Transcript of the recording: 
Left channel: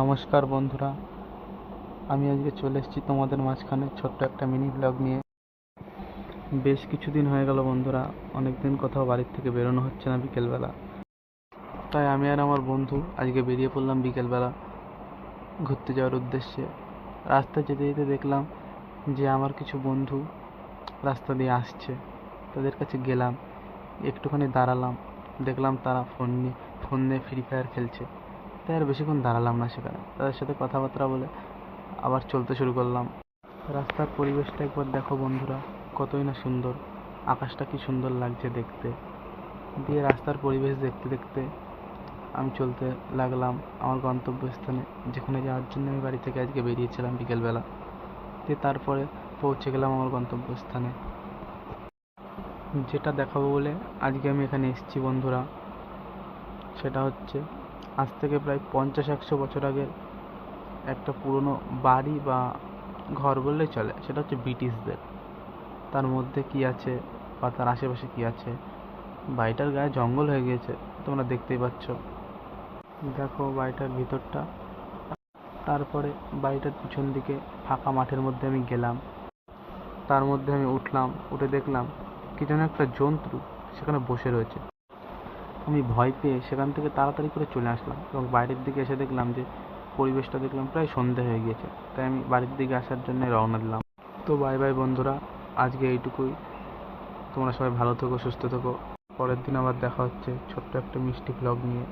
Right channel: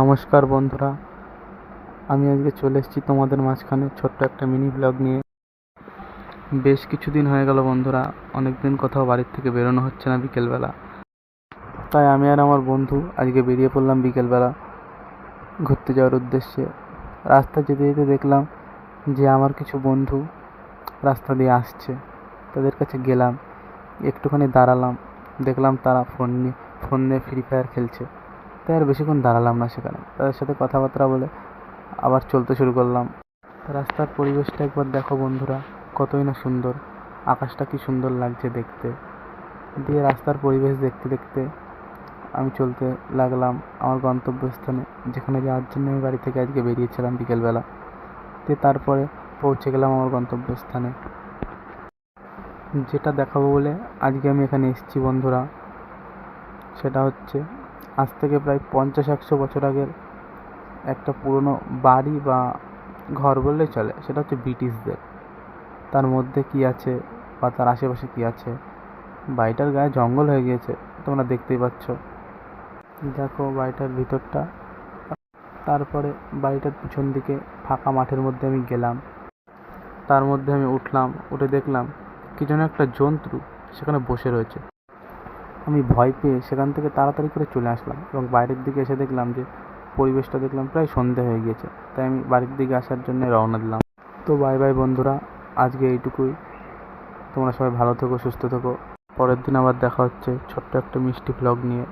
নমস্কার বন্ধুরা, আমি আজকে চলে এসেছি তোমাদের মাঝখানে ছোট্ট একটা মিনি ব্লগ নিয়ে। বেশ কিছুদিন হয়ে গেল বন্ধুরা, অনেক দিন কোথাও বাড়ির থেকে বেরোনো হচ্ছে না বিকেলবেলা। তাই আমি আর আমার বন্ধু আজকে বেরিয়ে পড়লাম বিকেলবেলা ঘুরতে যাওয়ার উদ্দেশ্যে। রাস্তা যেতে যেতে দেখলাম যে আমার কিছু বন্ধু রাস্তা দিয়ে আসছে। তাদের কাছে গেলাম, একটুখানি দাঁড়ালাম, দেখলাম তারা ফোন নিয়ে ফ্রি ফায়ার খেলছে। তাই আর বেশিক্ষণ দাঁড়ালাম না সেখানে, তাদের সাথে কথাবার্তা বলে আবার চলতে শুরু করলাম। রাস্তার পরিবেশটা একবার দেখো বন্ধুরা, কতই না সুন্দর, আকাশটা কি সুন্দর লাগছে দেখতে। দিয়ে রাস্তার পরিবেশ দেখতে দেখতে আমি চলতে লাগলাম আমার গন্তব্যস্থানে, যেখানে যাওয়ার জন্য আমি বাড়ি থেকে আজকে বেরিয়েছিলাম বিকেলবেলা। দিয়ে তারপরে পৌঁছে গেলাম আমার গন্তব্যস্থানে। যেটা দেখাবো বলে আজকে আমি এখানে এসেছি বন্ধুরা, সেটা হচ্ছে আজ থেকে প্রায় 50-100 বছর আগের একটা পুরনো বাড়ি বা ঘর বললেই চলে। সেটা হচ্ছে ব্রিটিশদের। তার মধ্যে কি আছে বা তার আশেপাশে কি আছে, বাড়িটার গায়ে জঙ্গল হয়ে গিয়েছে, তোমরা দেখতেই পাচ্ছ। দেখো বাড়িটার ভিতরটা। তারপরে বাড়িটার পিছন দিকে ফাঁকা মাঠের মধ্যে আমি গেলাম, তার মধ্যে আমি উঠলাম, উঠে দেখলাম কি যেন একটা জন্তু সেখানে বসে রয়েছে। আমি ভয় পেয়ে সেখান থেকে তাড়াতাড়ি করে চলে আসলাম এবং বাইরের দিকে এসে দেখলাম যে পরিবেশটা দেখলাম প্রায় সন্ধে হয়ে গিয়েছে। তাই আমি বাড়ির দিকে আসার জন্য রওনা দিলাম। তো বাই বাই বন্ধুরা, আজকে এইটুকুই। তোমরা সবাই ভালো থেকো, সুস্থ থেকো। পরের দিন আবার দেখা হচ্ছে ছোট্ট একটা মিষ্টি ব্লগ নিয়ে।